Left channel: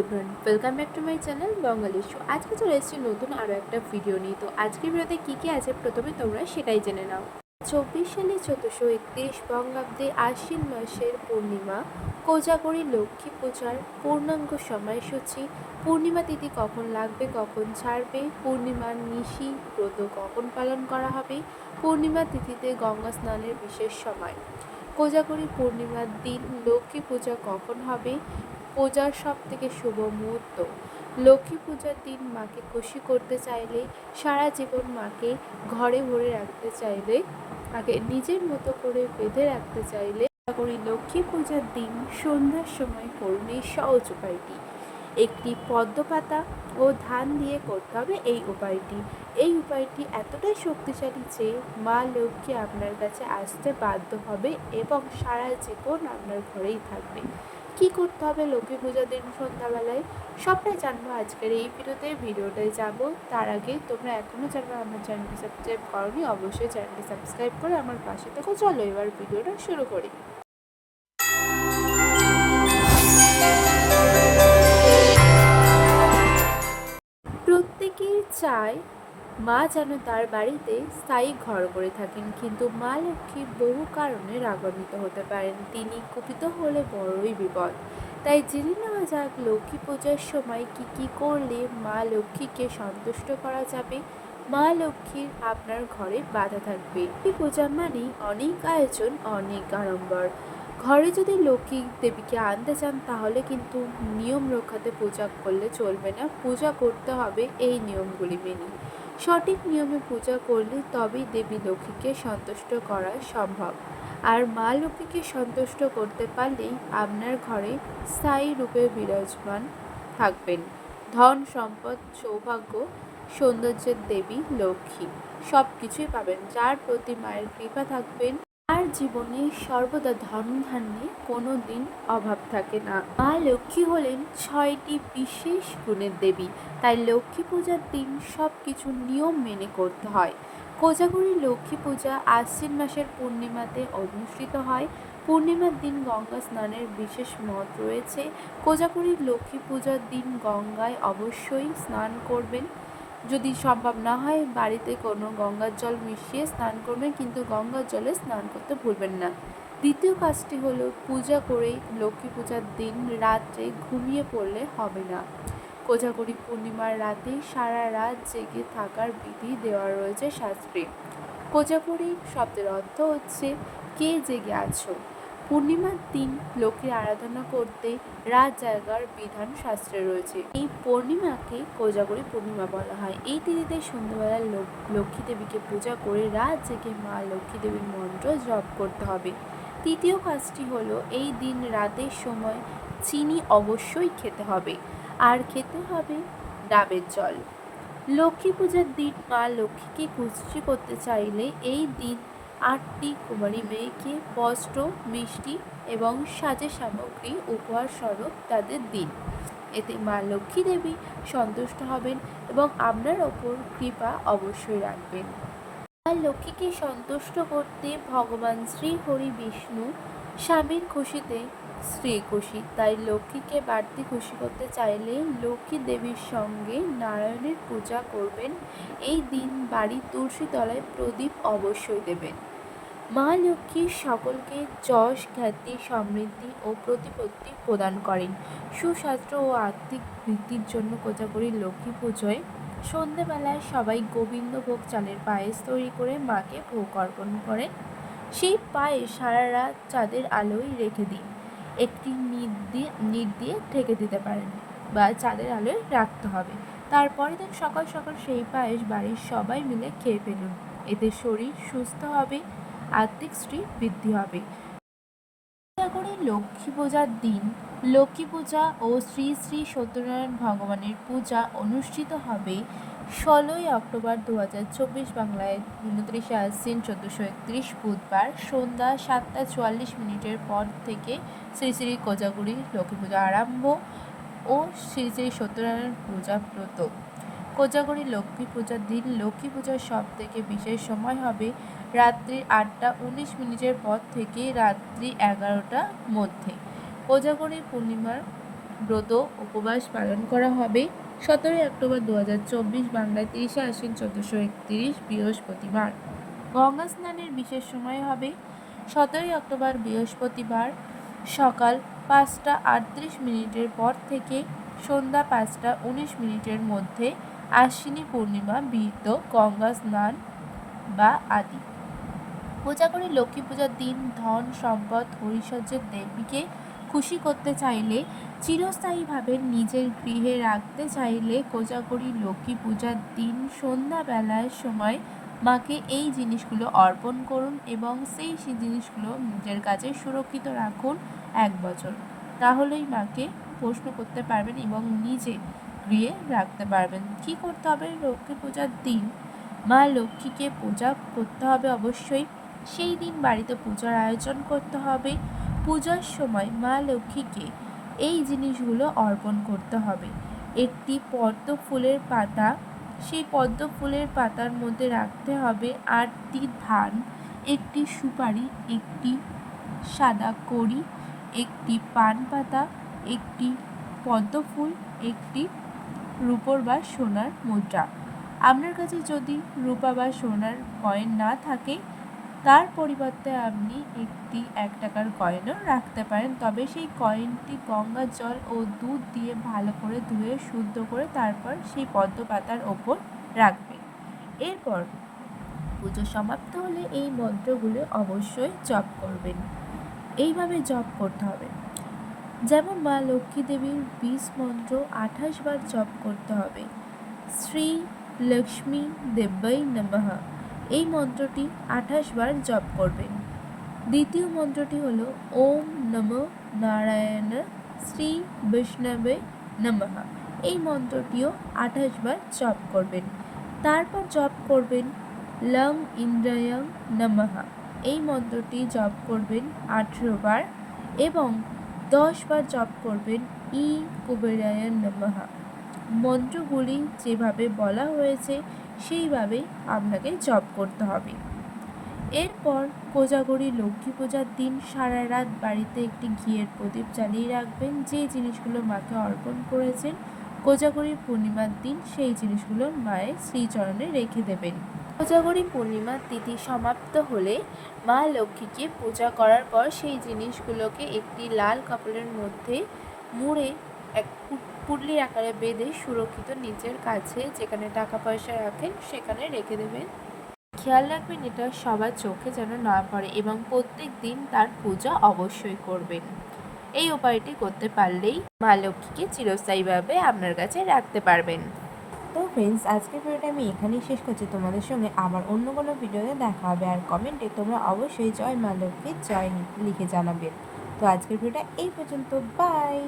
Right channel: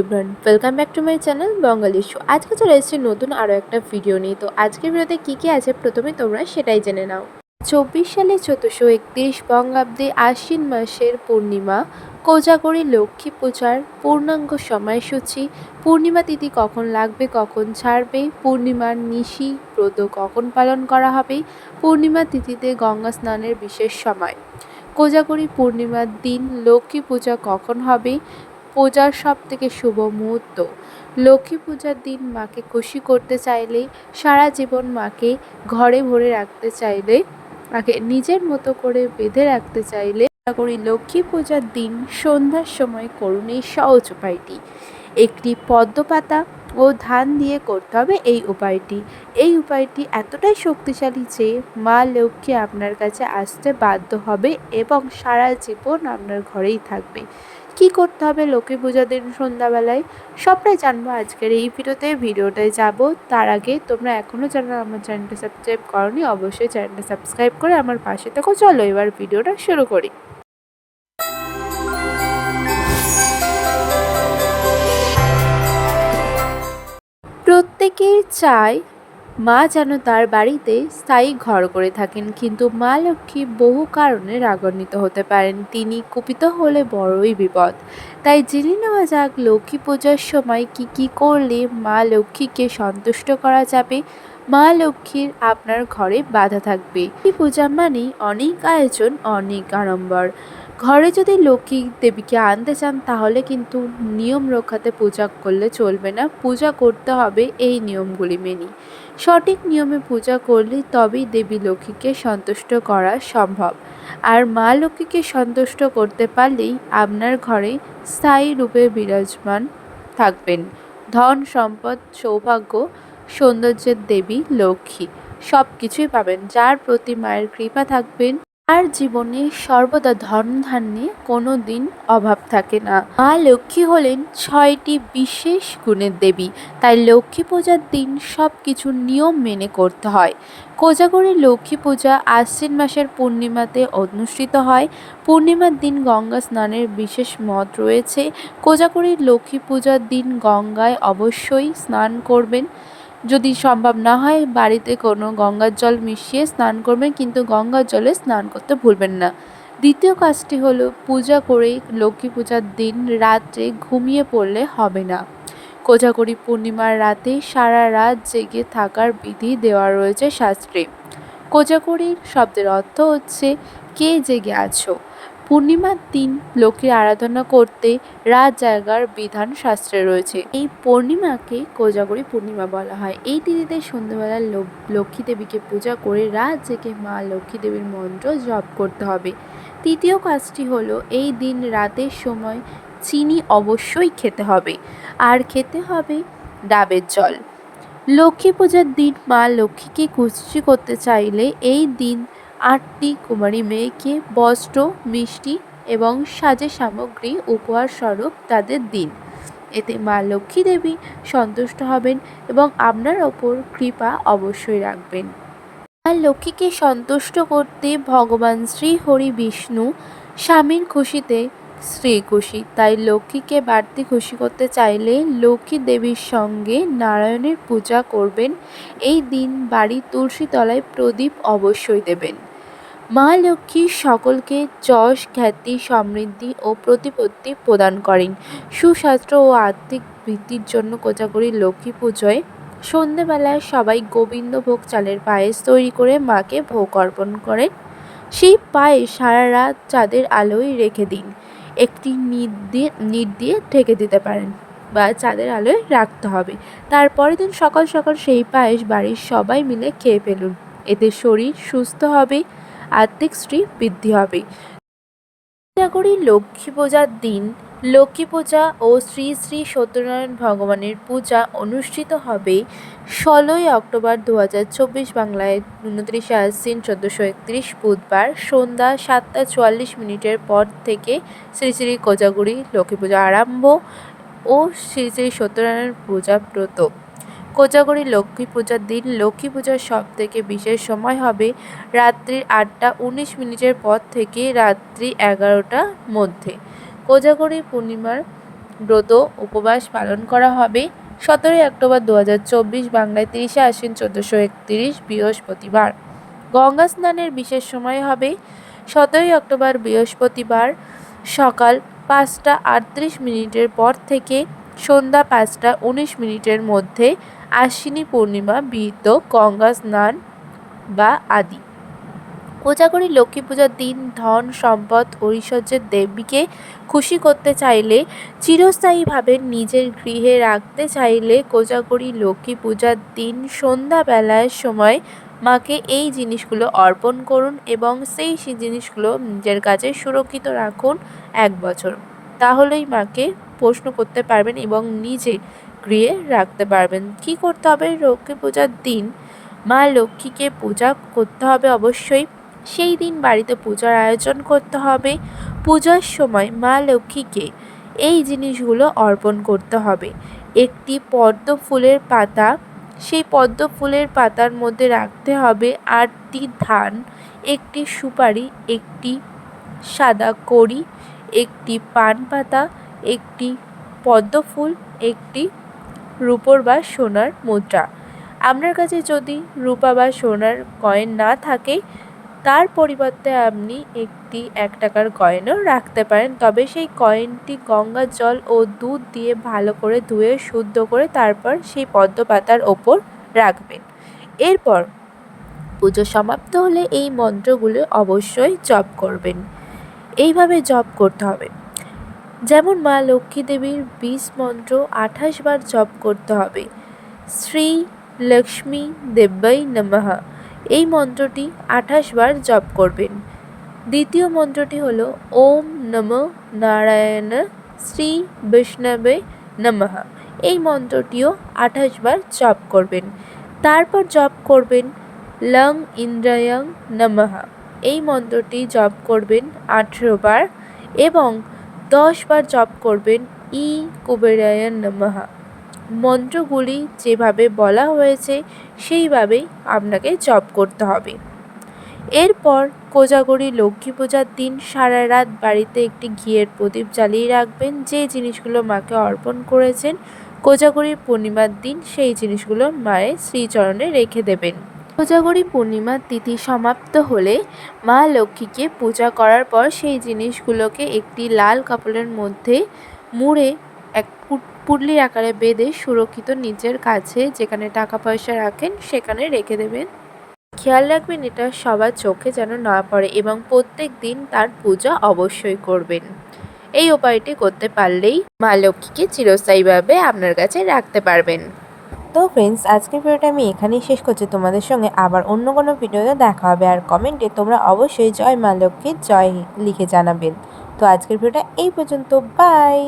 Ibran welcome back to my channel Bangali show. আজকে চলে এসেছি নতুন আরও একটা ভিডিও নিয়ে। তো আজকের ভিডিওতে কী কী আছে প্রথমে তোমরা সেটাই জেনে নাও। চব্বিশ সালে চোদ্দোশো একত্রিশ বঙ্গাব্দে আশ্বিন মাসের পূর্ণিমা, কোজাগরী লক্ষ্মী পূজার পূর্ণাঙ্গ সময়সূচি। পূর্ণিমা তিথি কখন লাগবে, কখন ছাড়বে? পূর্ণিমার নিশি ব্রত কখন পালন করা হবে? পূর্ণিমা তিথিতে গঙ্গা স্নানের বিশেষ সময়। কোজাগরী পূর্ণিমার দিন লক্ষ্মী পূজা কখন হবে? পূজার সব থেকে শুভ মুহূর্ত। লক্ষ্মী পূজার দিন মাকে খুশি করতে চাইলে, সারা জীবন মাকে ঘরে ভরে রাখতে চাইলে, মাকে নিজের মতো করে বেঁধে রাখতে চাইলে করি লক্ষ্মী পূজার দিন সন্ধ্যার সময় করুন এই সহজ উপায়টি। একটি পদ্ম পাতা ও ধান দিয়ে করতে হবে এই উপায়টি। এই উপায়টি এতটাই শক্তিশালী যে মা লক্ষ্মী আপনার কাছে আসতে বাধ্য হবে এবং সারা জীবন আপনার ঘরেই থাকবে। কি করতে হবে লক্ষ্মী পূজার দিন সন্ধ্যাবেলায়? সবটাই জানব আজকের এই ভিডিওতে। ভিডিওটায় যাব। তার আগে তোমরা এখনও যারা আমার চ্যানেলটা সাবস্ক্রাইব করনি, অবশ্যই চ্যানেলটা সাবস্ক্রাইব করে আমার পাশে থেকো। চলো এবার ভিডিওটা শুরু করি। প্রত্যেকের চায় মা যেন তার বাড়িতে স্থায়ী ঘর করে থাকেন, কিন্তু মা লক্ষ্মী বহু কারণে রাগান্বিত হতে পারেন। তিনি কুপিত হলে বড়ই বিপদ। তাই জেনে নেওয়া যাক, লক্ষ্মী পূজার সময় কি কি করলে মা লক্ষ্মীকে সন্তুষ্ট করা যাবে? মা লক্ষ্মীর আপনার ঘরে বাধা থাকবে। এই পূজা মানেই অনেক আয়োজন, অনেক আড়ম্বর। ঘরে যদি লক্ষ্মী দেবীকে আনতে চান, তাহলে কিন্তু নিয়ম রক্ষাতে পূজা করলে চলবে না। পূজা করতে হবে এই নিয়মগুলি মেনে সঠিক নিয়মে পূজা করলে তবেই দেবী লক্ষ্মীকে সন্তুষ্ট করা সম্ভব। আর মা লক্ষ্মীকে সন্তুষ্ট করতে পারলেই আপনার ঘরে স্থায়ী রূপে বিরাজমান থাকবেন। ধন, সম্পদ, সৌভাগ্য, সৌন্দর্যের দেবী লক্ষ্মী। সব কিছুই পাবেন। যার প্রতি মায়ের কৃপা থাকবেন আর জীবনে সর্বদা ধন ধান্যে কোনো দিন অভাব থাকে না। মা লক্ষ্মী হলেন ছয়টি বিশেষ গুণের দেবী। তাই লক্ষ্মী পূজার দিন সব কিছু নিয়ম মেনে করতে হয়। কোজাগরী লক্ষ্মী পূজা আশ্বিন মাসের পূর্ণিমাতে অনুষ্ঠিত হয়। পূর্ণিমার দিন গঙ্গা স্নানের বিশেষ মত রয়েছে। কোজাগরীর লক্ষ্মী পূজার দিন গঙ্গায় অবশ্যই স্নান করবেন। যদি সম্ভব না হয়, বাড়িতে কোনো গঙ্গার জল মিশিয়ে স্নান করবেন, কিন্তু গঙ্গার জলে স্নান করতে ভুলবেন না। দ্বিতীয় কাজটি হলো পূজা করে লক্ষ্মী পূজার দিন রাত্রে ঘুমিয়ে পড়লে হবে না। কোজাগরী পূর্ণিমার রাতে সারা রাত জেগে থাকার বিধি দেওয়া রয়েছে শাস্ত্রে। কোজাগরী শব্দের অর্থ হচ্ছে, কে জেগে আছো? পূর্ণিমার দিন লক্ষ্মীর আরাধনা করতে রাত জায়গার বিধান শাস্ত্রে রয়েছে। এই পূর্ণিমাকে কোজাগরী পূর্ণিমা বলা হয়। এই তিথিতে সন্ধ্যাবেলা লক্ষ্মী দেবীকে পূজা করে রাত জেগে মা লক্ষ্মী দেবীর মন্ত্র জপ করতে হবে। তৃতীয় কাজটি হলো এই দিন রাতের সময় চিনি অবশ্যই খেতে হবে। আর খেতে হবে ডাবের জল। লক্ষ্মী পূজার দিন মা লক্ষ্মীকে খুশি করতে চাইলে এই দিন আটটি কুমারী মেয়েকে বস্ত্র, মিষ্টি এবং সাজে সামগ্রী, উপহার স্বরূপ তাদের দিন। এতে মা লক্ষ্মী দেবী সন্তুষ্ট হবেন এবং আপনার ওপর কৃপা অবশ্যই রাখবেন। মা লক্ষ্মীকে সন্তুষ্ট করতে ভগবান শ্রী হরি বিষ্ণু স্বামীর খুশিতে স্ত্রী খুশি। তাই লক্ষ্মীকে বাড়তি খুশি করতে চাইলে লক্ষ্মী দেবীর সঙ্গে নারায়ণের পূজা করবেন। এই দিন বাড়ির তুলসী তলায় প্রদীপ অবশ্যই দেবেন। মা লক্ষ্মী সকলকে যশ, খ্যাতি, সমৃদ্ধি ও প্রতিপত্তি প্রদান করেন। সুস্বাস্থ্য ও আর্থিক বৃদ্ধির জন্য কোজাগরী লক্ষ্মী পুজোয় সন্ধেবেলায় সবাই গোবিন্দভোগ চালের পায়েস তৈরি করে মাকে ভোগ অর্পণ করেন। সেই পায়েস সারা রাত চাঁদের আলোয় রেখে দিন। একটি নিট দিয়ে নিট দিয়ে ঢেকে দিতে পারেন বা চাঁদের আলোয় রাখতে হবে। তারপরের দিন সকাল সকাল সেই পায়েস বাড়ির সবাই মিলে খেয়ে ফেলুন। এতে শরীর সুস্থ হবে আর্থিক শ্রী বৃদ্ধি হবে। করি লক্ষ্মী পূজার দিন, লক্ষ্মী পূজা ও শ্রী শ্রী সত্যনারায়ণ ভগবানের পূজা অনুষ্ঠিত হবে ষোলোই অক্টোবর দু হাজার চব্বিশ বাংলায়। উনত্রিশে আশ্বিন চোদ্দোশো একত্রিশ বুধবার সন্ধ্যা সাতটা চুয়াল্লিশ মিনিটের পর থেকে শ্রী শ্রী কোজাগুড়ি লক্ষ্মী পূজা আরম্ভ ও শ্রী শ্রী সত্যনারায়ণ পূজা ব্রত। কোজাগরী লক্ষ্মী পূজার দিন লক্ষ্মী পূজার সব থেকে বিশেষ সময় হবে রাত্রির আটটা উনিশ মিনিটের পর থেকে রাত্রি এগারোটার মধ্যে। কোজাগরী পূর্ণিমার ব্রত উপবাস পালন করা হবে। সতেরোই অক্টোবর দু হাজার চব্বিশ বাংলায় তিরিশে আশ্বিন চোদ্দোশো একত্রিশ বৃহস্পতিবার। গঙ্গা স্নানের বিশেষ সময় হবে। সতেরোই অক্টোবর বৃহস্পতিবার সকাল পাঁচটা আটত্রিশ মিনিটের পর থেকে সন্ধ্যা পাঁচটা উনিশ মিনিটের মধ্যে আশ্বিনী পূর্ণিমা বিহিত গঙ্গা স্নান বা আদি। কোজাগরী লক্ষ্মী পূজার দিন ধন, সম্পদ, ঐশ্বর্যের দেবীকে খুশি করতে চাইলে, চিরস্থায়ীভাবে নিজের গৃহে রাখতে চাইলে কোজাগরী লক্ষ্মী পূজার দিন সন্ধ্যাবেলার সময় মাকে এই জিনিসগুলো অর্পণ করুন এবং সেই সে, জিনিসগুলো নিজের কাছে সুরক্ষিত রাখুন এক বছর। তাহলেই মাকে প্রশ্ন করতে পারবেন এবং নিজে গৃহে রাখতে পারবেন। কি করতে হবে? লক্ষ্মী পূজার দিন। মা লক্ষ্মীকে পূজা করতে হবে অবশ্যই। সেই দিন বাড়িতে পূজার আয়োজন করতে হবে। পূজার সময় মা লক্ষ্মীকে এই জিনিসগুলো অর্পণ করতে হবে। একটি পদ্ম ফুলের পাতা। সেই পদ্ম ফুলের পাতার মধ্যে রাখতে হবে আটটি ধান, একটি সুপারি, একটি সাদা কড়ি একটি পান পাতা, একটি পদ্ম ফুল, একটি রূপোর বা সোনার মুদ্রা। আপনার কাছে যদি রূপা বা সোনার কয়েন না থাকে, তার পরিবর্তে আপনি একটি এক টাকার কয়েনও রাখতে পারেন। তবে সেই কয়েনটি গঙ্গার জল ও দুধ দিয়ে ভালো করে ধুয়ে, শুদ্ধ করে তারপর সেই পদ্ম পাতার ওপর রাখবেন। এরপর পুজো সমাপ্ত হলে এই মন্ত্রগুলো অবশ্যই জপ করবেন। এইভাবে জপ করতে হবে। যেমন মা লক্ষ্মী দেবীর বিষ মন্ত্র আঠাশ বার জপ করতে হবে। শ্রী লক্ষ্মী দেব্যাই নমঃ। এই মন্ত্রটি আঠাশ বার জপ করবেন। দ্বিতীয় মন্ত্রটি হল ওম নম নারায়ণ শ্রী বৈষ্ণবে নমঃ। এই মন্ত্রটিও আঠাশ বার জপ করবেন। তারপর জপ করবেন লং ইন্দ্রায়ং নমঃ। এই মন্ত্রটি জপ করবেন আঠেরো বার এবং দশ বার জপ করবেন ই কুবেরায়ণ নমঃ। মন্ত্রগুলি যেভাবে বলা হয়েছে সেইভাবেই আপনাকে জপ করতে হবে। এরপর কোজাগরি লক্ষ্মী পূজার দিন সারা রাত বাড়িতে একটি ঘিয়ের প্রদীপ জ্বালিয়ে রাখবেন, যে জিনিসগুলো মাকে অর্পণ করেছেন। কোজাগরি পূর্ণিমার দিন সেই জিনিসগুলো মায়ের শ্রীচরণে রেখে দেবেন। কোজাগরি পূর্ণিমার তিথি সমাপ্ত হলে মা লক্ষ্মীকে পূজা করার পর সেই জিনিসগুলোকে একটি লাল কাপড়ের মধ্যে মুড়ে এক পুটলির আকারে বেঁধে সুরক্ষিত নিজের কাছে যেখানে টাকা পয়সা রাখেন সেখানে রেখে দেবেন। খেয়াল রাখবেন এটা সবার চোখে যেন না পড়ে এবং প্রত্যেক দিন তার পূজা অবশ্যই করবেন। এই উপায়টি করতে পারলেই মা লক্ষ্মীকে চিরস্থায়ীভাবে আপনার কাছে রাখতে পারবেন। তো ফ্রেন্ডস আজকের ভিডিওটা আমি এখানেই শেষ করছি। তোমাদের সঙ্গে আবার অন্য কোনো ভিডিওতে দেখা হবে। আর কমেন্টে তোমরা অবশ্যই জয় মা লক্ষ্মীর জয় লিখে জানাবেন তো আজকের ভিডিওটা এই পর্যন্ত। বাই